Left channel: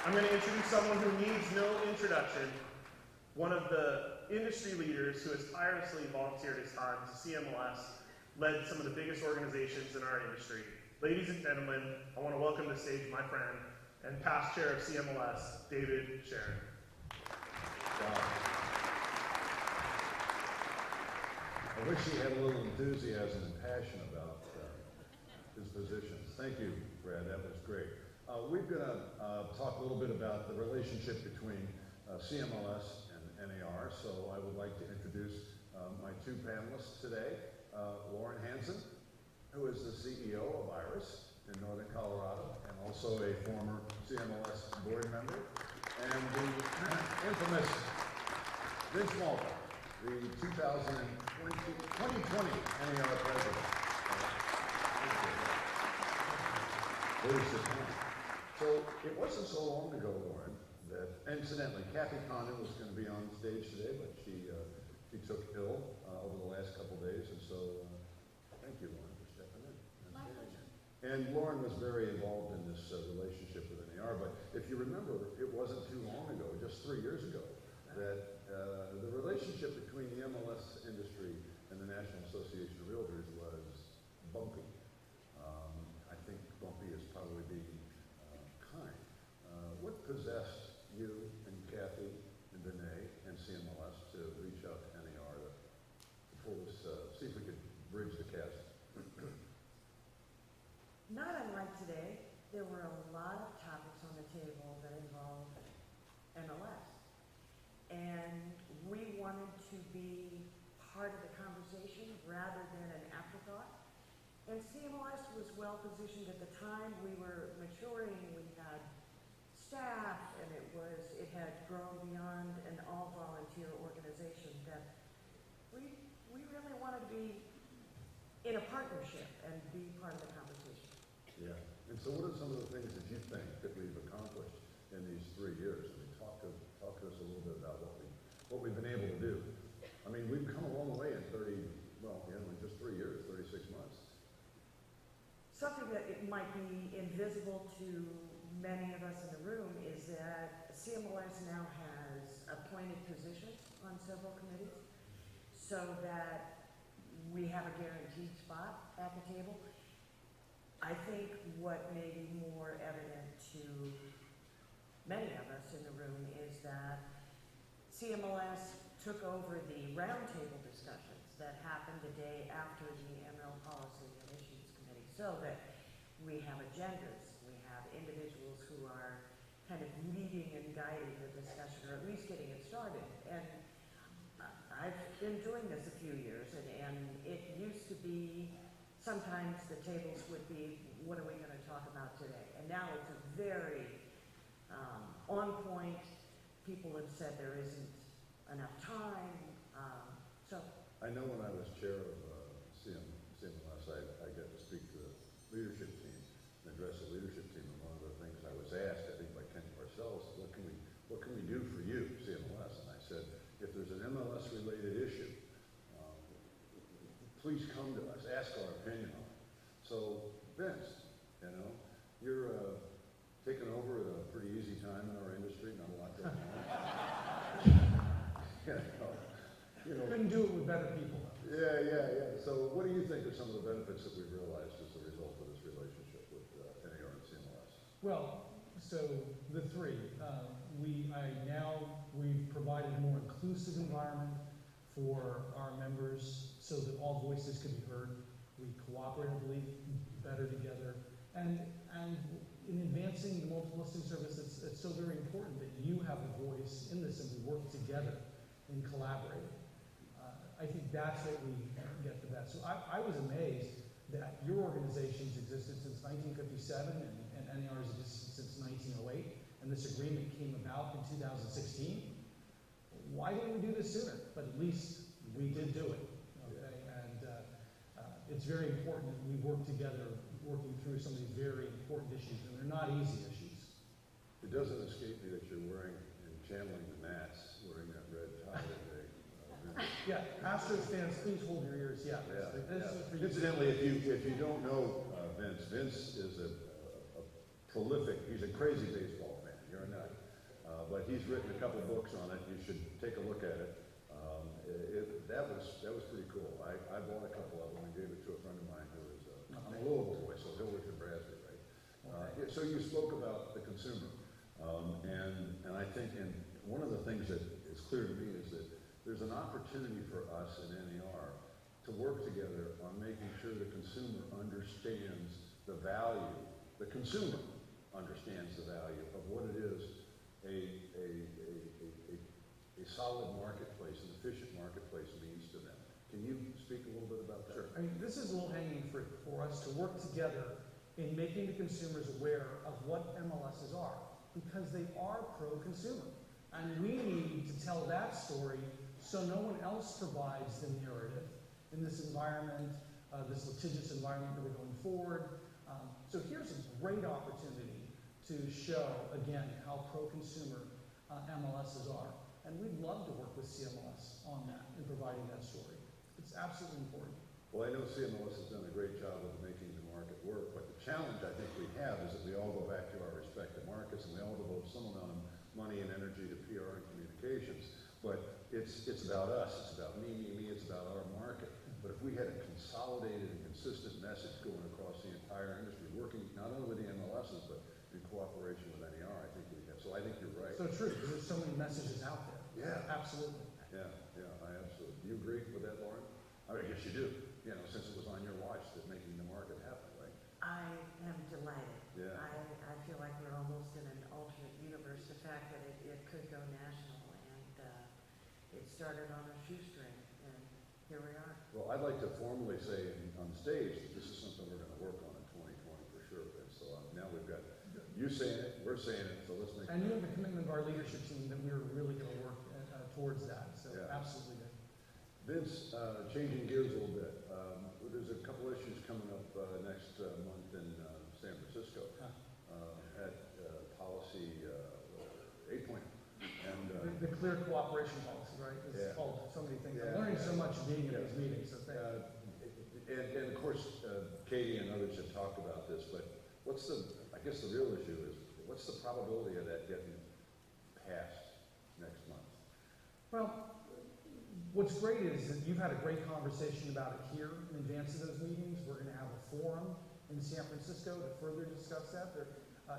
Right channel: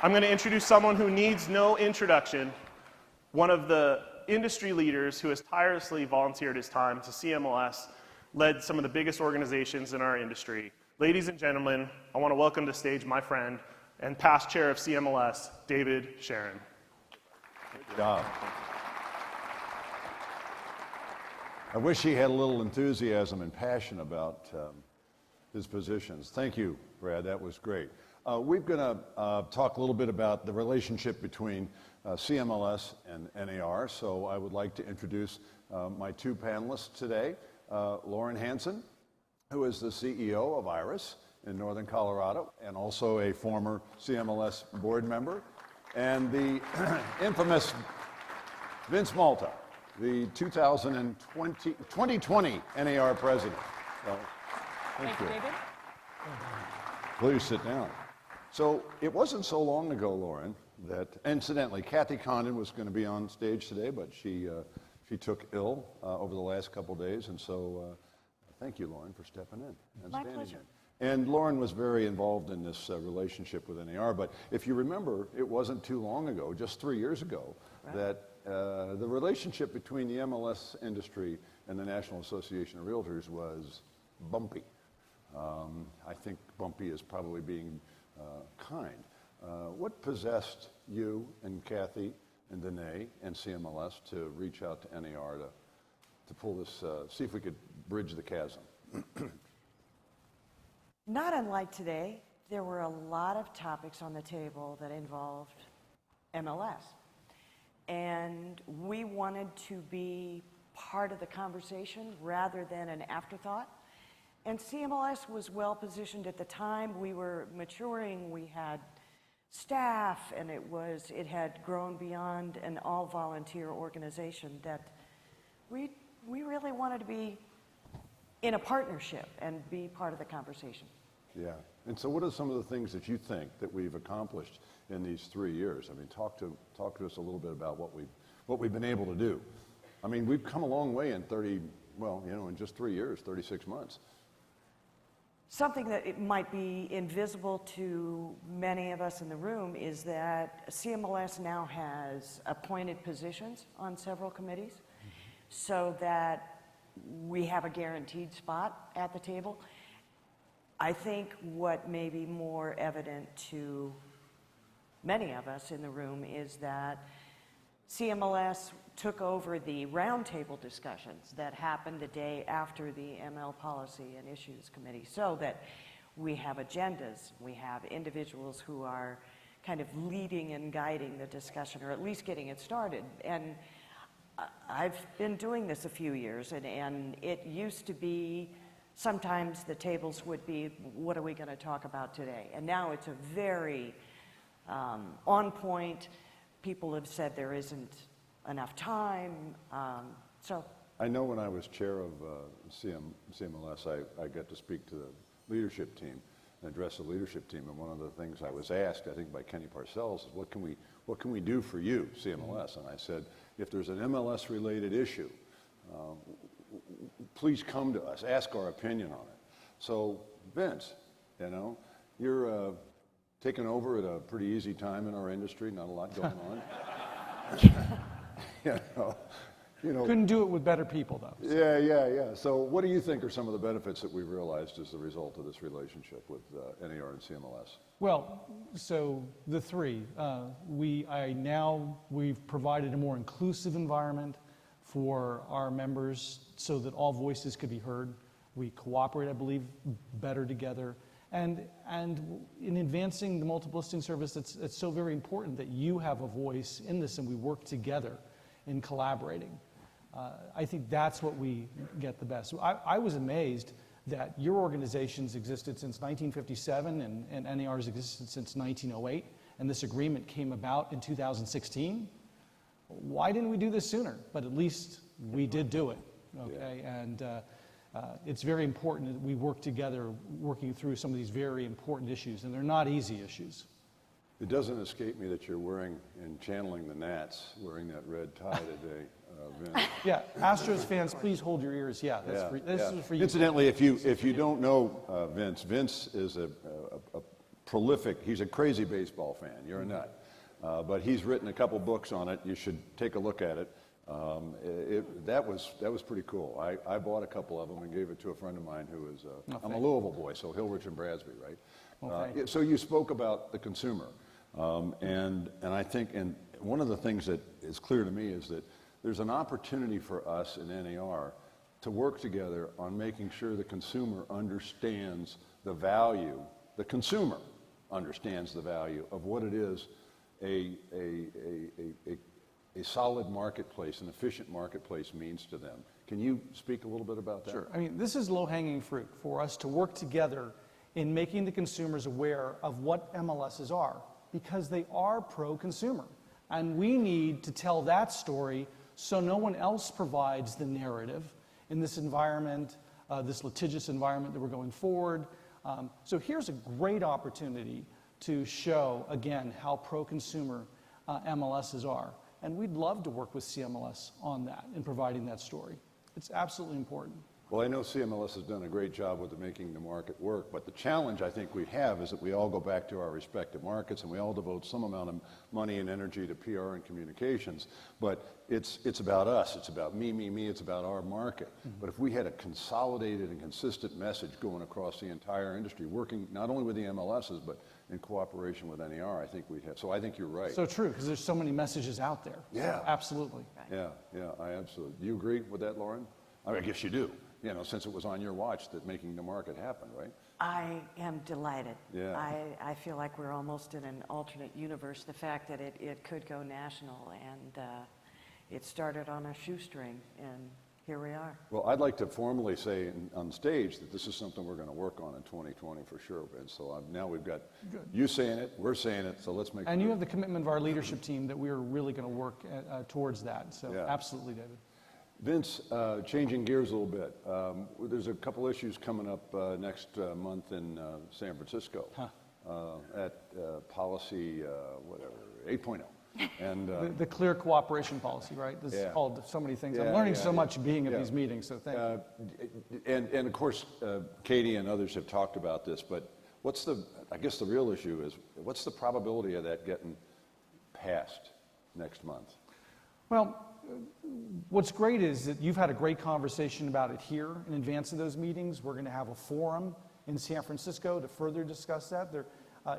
I'm going to introduce someone who needs no introduction, one of the industry leaders who has tirelessly volunteered his time to CMLS, led some of the biggest organizations in our industry. Ladies and gentlemen, I want to welcome to stage my friend and past chair of CMLS, David Sharon. Good job. I wish he had a little enthusiasm and passion about his positions. Thank you, Brad, that was great. We're going to talk a little bit about the relationship between CMLS and NAR, so I would like to introduce my two panelists today. Lauren Hansen, who is the CEO of IRIS in Northern Colorado and also a former CMLS board member, and the infamous Vince Malta, the 2020 NAR president. So, thank you. Please sit down. So it wasn't so long ago, Lauren, that incidentally, Kathy Condon was going to be on stage today, but she took ill over the last couple days, and so thank you, Lauren, for stepping in and My standing pleasure. here. And Lauren was very involved in this relationship with NAR, but if you remember, it wasn't too long ago, just 3 years ago, that the relationship between the MLS industry and the National Association of Realtors was bumpy. I think bumpy is probably being kind. What possessed you and Kathy and Danae and CMLS to reach out to NAR to pull this, see if we could bridge the chasm? Not unlike today, there were a lot of topics on the table that involved MLS. And we wanted to be part of the conversation rather than an afterthought. And CMLS was well positioned at the time. We were maturing, we had staff, and it had grown beyond an all-volunteer organization that we really wanted to be in a partnership and be part of the conversation. Yeah, and so what are some of the things that you think that we've accomplished in these 3 years? I mean, talk to us a little bit about what we've been able to do. I mean, we've come a long way in in just 3 years, 36 months. Something that it might be invisible to many of us in the room is that CMLS now has appointed positions on several committees so that we have a guaranteed spot at the table. I think what may be more evident to many of us in the room is that CMLS took over the roundtable discussions that happened the day after the ML Policy and Issues Committee, so that we have agendas, we have individuals who are kind of leading and guiding the discussion, or at least getting it started. And I've been doing this a few years, and it used to be sometimes the tables would be, what are we going to talk about today? And now it's a very on point. People have said there isn't enough time. So I know when I was chair of CMLS, I got to speak to the leadership team and address the leadership team. And one of the things I was asked, I think by Kenny Parcells, is what can we do for you, CMLS? And I said, if there's an MLS related issue, please come to us, ask our opinion on it. So Vince, you're taking over at a pretty easy time in our industry, not a lot going on. Couldn't do it with better people, though. Yeah. So what do you think are some of the benefits that we've realized as the result of this relationship with NAR and CMLS? Well, so the three, we've provided a more inclusive environment for our members so that all voices could be heard. We cooperate, I believe, better together. And in advancing the multiple listing service, it's so very important that you have a voice in this and we work together in collaborating. I think that's what we get the best. I was amazed that your organization's existed since 1957 and NAR's existed since 1908, and this agreement came about in 2016. Why didn't we do this sooner? But at least we did do it, okay? Yeah. And it's very important that we work together, working through some of these very important issues, and they're not easy issues. It doesn't escape me that you're wearing and channeling the Nats, wearing that red tie today. Yeah, Astros fans, please hold your ears. Yeah, this is for you. Incidentally, if you don't know Vince is a prolific, he's a crazy baseball fan, you're a nut. But he's written a couple books on it. You should take a look at it. That was pretty cool. I bought a couple of them and gave it to a friend of mine who is, I'm a Louisville boy, so Hillrich and Brasby, right? So you spoke about the consumer. And I think, and one of the things that is clear to me is that there's an opportunity for us in NAR to work together on making sure the consumer understands the value, the consumer understands the value of what it is a solid marketplace, an efficient marketplace means to them. Can you speak a little bit about that? Sure. I mean, this is low-hanging fruit for us to work together in making the consumers aware of what MLSs are, because they are pro-consumer. And we need to tell that story so no one else provides the narrative in this environment, this litigious environment that we're going forward. So here's a great opportunity to show, again, how pro-consumer MLSs are. And we'd love to work with CMLS on that and providing that story. It's absolutely important. Well, I know CMLS has done a great job with making the market work, but the challenge I think we have is that we all go back to our respective markets and we all devote some amount of money and energy to PR and communications. But it's about us, it's about me, it's about our market. But if we had a consolidated and consistent message going across the entire industry, working not only with the MLSs, but in cooperation with NAR, I think we'd have, so I think you're right. So true, because there's so many messages out there. Yeah. So absolutely. Yeah, I absolutely. Do you agree with that, Lauren? I mean, I guess you do, you know, since it was on your watch that making the market happen, right? I am delighted. Yeah. I feel like we're almost in an alternate universe. The fact that it could go national, and it started on a shoestring, and here we are. Well, I'd like to formally say on stage that this is something we're going to work on in 2020 for sure, Vince. So now we've got you saying it, we're saying it, so let's make it. And you have the commitment of our leadership team that we're really going to work towards that. So Yeah. absolutely, David. Vince, changing gears a little bit, there's a couple issues coming up next month in San Francisco at policy, whatever, 8.0. And The clear cooperation policy, right? This is called so many things. I'm learning so much being at these meetings, so thank you. And of course, Katie and others have talked about this, but I guess the real issue is, what's the probability of that getting passed next month? Well, what's great is that you've had a great conversation about it here in advance of those meetings. We're going to have a forum in San Francisco to further discuss that.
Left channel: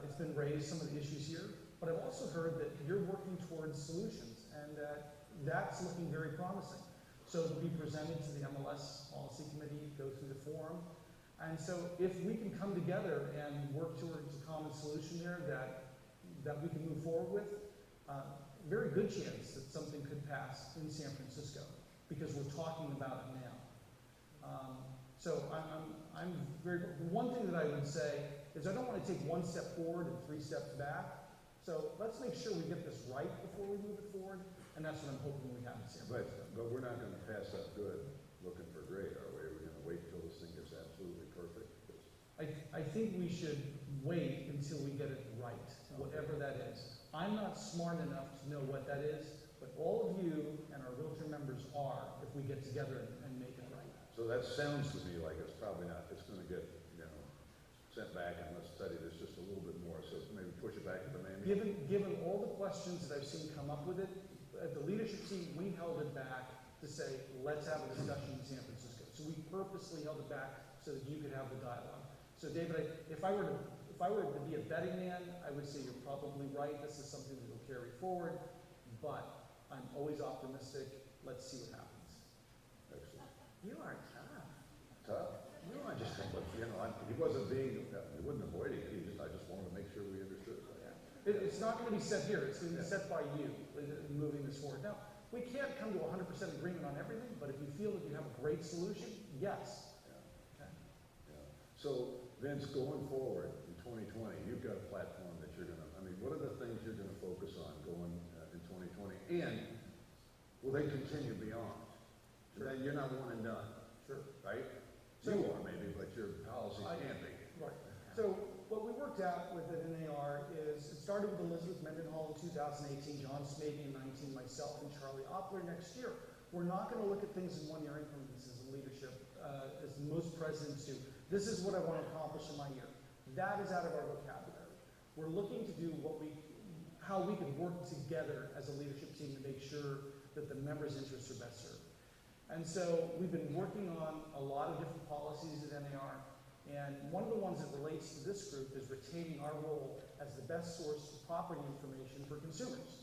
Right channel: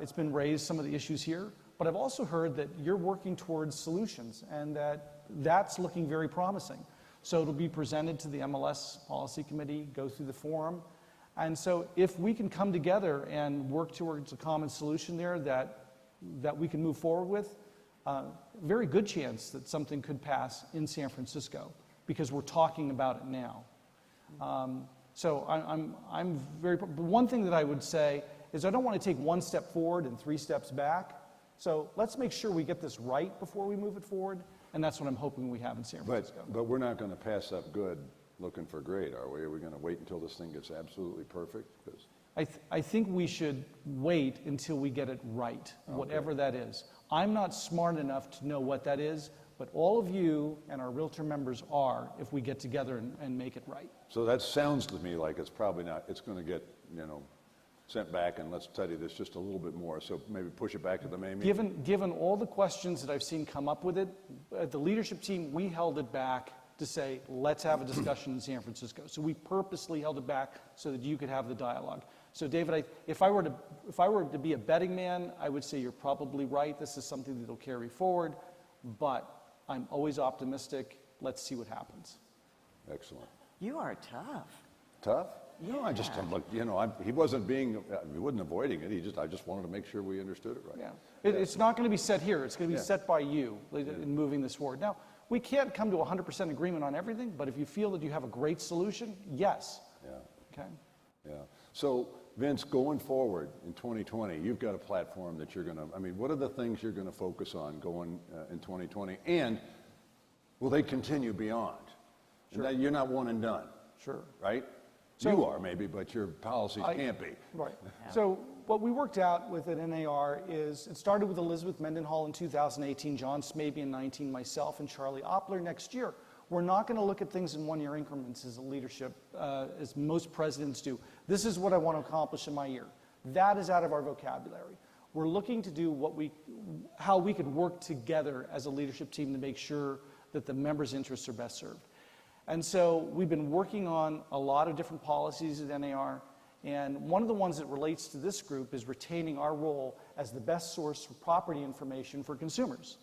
It's been raised, some of the issues here, but I've also heard that you're working towards solutions and that's looking very promising. So it'll be presented to the MLS Policy Committee, go through the forum. And so if we can come together and work towards a common solution there that we can move forward with, very good chance that something could pass in San Francisco because we're talking about it now. So I'm very, one thing that I would say is I don't want to take one step forward and 3 steps back. So let's make sure we get this right before we move it forward, and that's what I'm hoping we have in San Francisco. But we're not going to pass up good looking for great, are we? Are we going to wait until this thing gets absolutely perfect? I think we should wait until we get it right, whatever that is. I'm not smart enough to know what that is, but all of you and our Realtor members are if we get together and make it right. So that sounds to me like it's probably not, it's going to get, sent back and let's study this just a little bit more. So maybe push it back to the main meeting. Given all the questions that I've seen come up with it, the leadership team, we held it back to say, let's have a discussion in San Francisco. So we purposely held it back so that you could have the dialogue. So David, if I were to be a betting man, I would say you're probably right. This is something that will carry forward, but I'm always optimistic. Let's see what happens. Excellent. You are tough. Tough? No, I just, he wasn't he wasn't avoiding it. I just wanted to make sure we understood it right. Yeah. It's not going to be set here. It's going to be set by you in moving this forward. Now, we can't come to 100% agreement on everything, but if you feel that you have a great solution, yes. Yeah. Okay. Yeah. So, Vince, going forward in 2020, you've got a platform that you're going to, what are the things you're going to focus on going in 2020? And will they continue beyond? Sure. And you're not one and done. Sure. Right? So, you are maybe, but your policies can't be. Right. So what we worked out with at NAR is it started with Elizabeth Mendenhall in 2018, John Smaby in 19, myself and Charlie Oppler next year. We're not going to look at things in one-year increments as a leadership, as most presidents do. This is what I want to accomplish in my year. That is out of our vocabulary. we're looking to do how we can work together as a leadership team to make sure that the members' interests are best served. And so we've been working on a lot of different policies at NAR, and one of the ones that relates to this group is retaining our role as the best source for property information for consumers.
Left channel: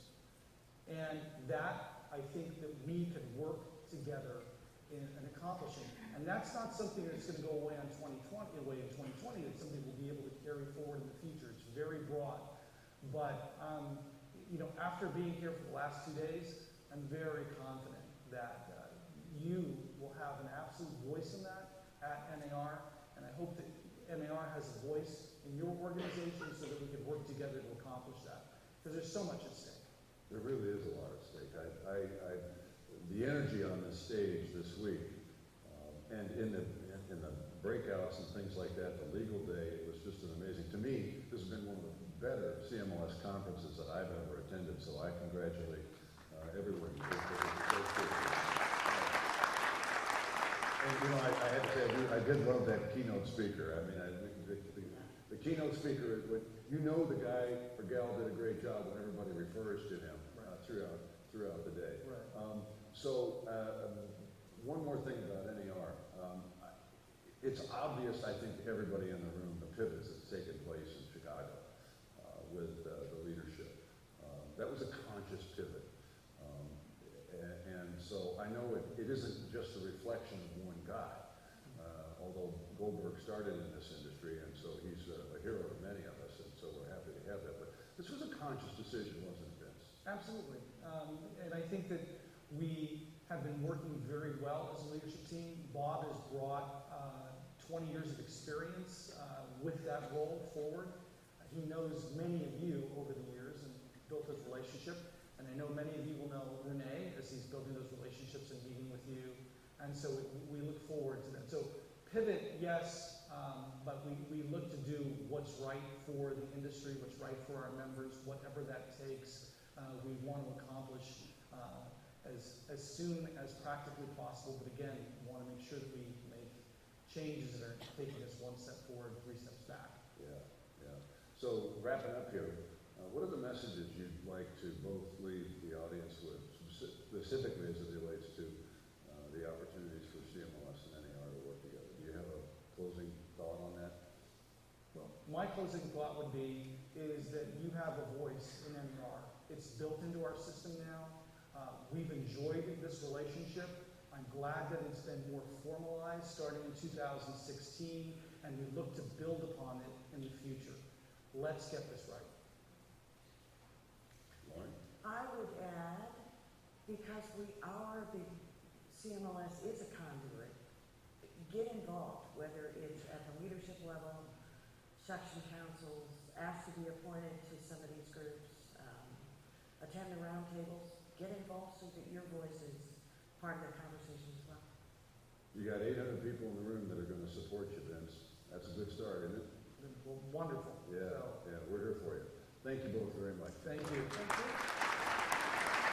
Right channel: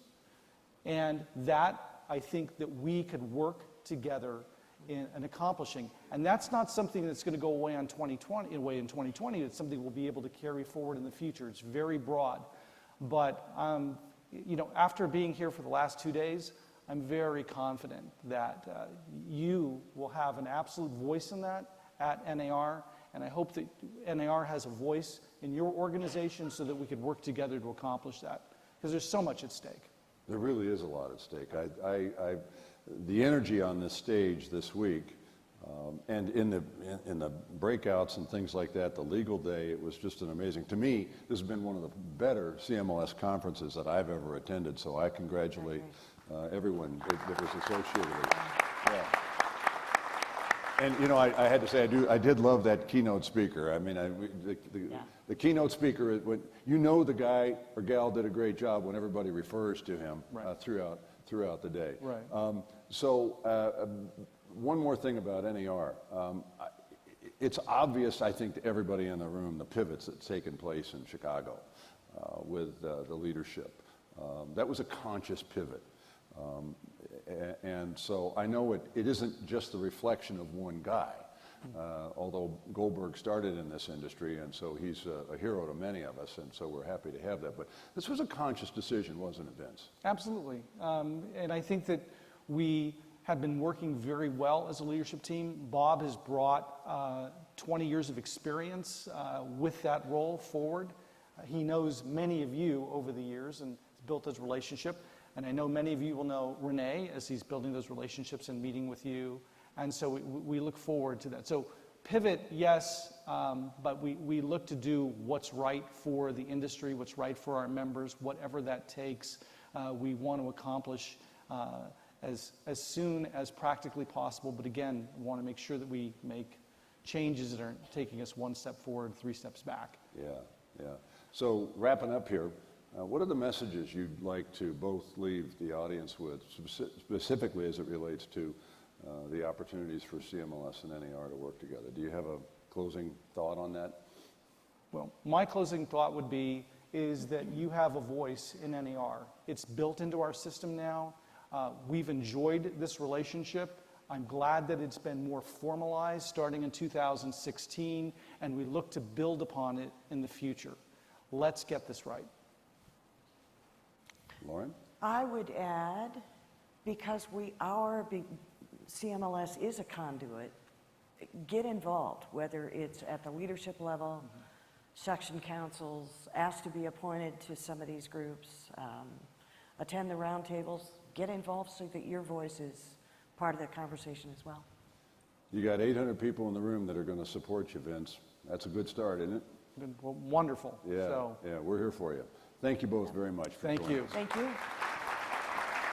And that, I think that we can work together in accomplishing. And that's not something that's going to go away in 2020. It's something we'll be able to carry forward in the future. It's very broad. But after being here for the last 2 days, I'm very confident that you will have an absolute voice in that at NAR, and I hope that NAR has a voice in your organization so that we could work together to accomplish that, because there's so much at stake. There really is a lot at stake. The energy on this stage this week, and in the breakouts and things like that, the legal day, it was just an amazing. To me, this has been one of the better CMLS conferences that I've ever attended. So I congratulate everyone that was associated with it. Yeah. And I had to say, I did love that keynote speaker. I mean, the keynote speaker, when the guy or gal did a great job when everybody refers to him throughout the day. Right. One more thing about NAR. It's obvious, I think, to everybody in the room, the pivots that's taken place in Chicago with the leadership. That was a conscious pivot. And so I know it isn't just the reflection of one guy, although Goldberg started in this industry, and so he's a hero to many of us, and so we're happy to have that. But this was a conscious decision, wasn't it, Vince? Absolutely. And I think that we have been working very well as a leadership team. Bob has brought 20 years of experience with that role forward. He knows many of you over the years and built his relationship. And I know many of you will know Renee as he's building those relationships and meeting with you. And so we look forward to that. So pivot, yes, but we look to do what's right for the industry, what's right for our members, whatever that takes. We want to accomplish as soon as practically possible. But again, we want to make sure that we make changes that are taking us 1 step forward, 3 steps back. Yeah. So wrapping up here, what are the messages you'd like to both leave the audience with, specifically as it relates to the opportunities for CMLS and NAR to work together? Do you have a closing thought on that? Well, my closing thought would be is that you have a voice in NAR. It's built into our system now. We've enjoyed this relationship. I'm glad that it's been more formalized starting in 2016, and we look to build upon it in the future. Let's get this right. Lauren? I would add, because CMLS is a conduit, get involved, whether it's at the leadership level, section councils, ask to be appointed to some of these groups, attend the roundtables, get involved so that your voice is part of the conversation as well. You got 800 people in the room that are going to support you, Vince. That's a good start, isn't it? Well, wonderful. Yeah, So, yeah, we're here for you. Thank you both very much. thank you. Thank you.